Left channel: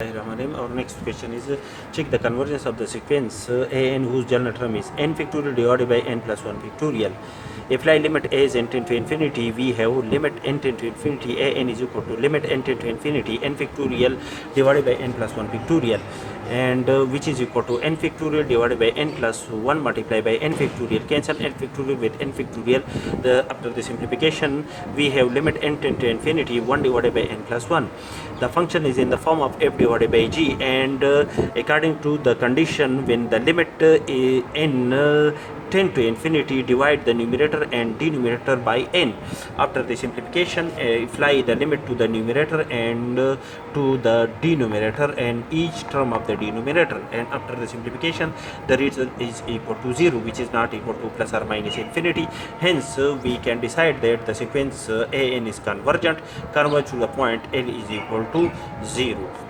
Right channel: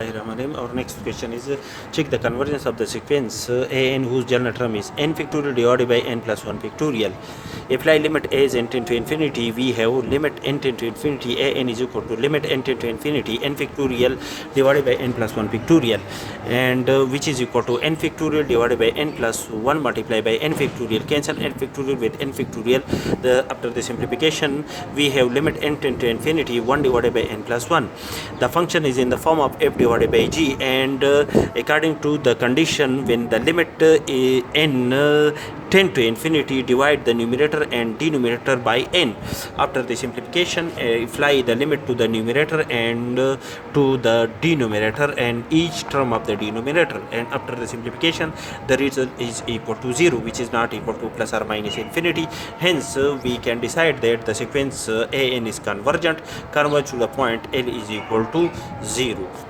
Our next question is check the convergence of the sequence an whose general term is n factorial divided by n plus 1 factorial. Apply limit a is n tend to infinity. We have limit n tend to infinity a n is equal to limit n tend to infinity n factorial divided by n plus 1 factorial, and which is equal to n factorial divided by n plus 1 multiplied by n factorial. Cancel n factorial with n factorial. After the simplification, we have limit n tend to infinity 1 divided by n plus 1. The function is in the form of f divided by g, and according to the condition, when the limit n tend to infinity, divide the numerator and denominator by n. After the simplification, apply the limit to the numerator and to the denominator and each term of the denominator, and after the simplification the result is equal to 0, which is not equal to plus or minus infinity. Hence we can decide that the sequence an is convergent to the point n is equal to 0.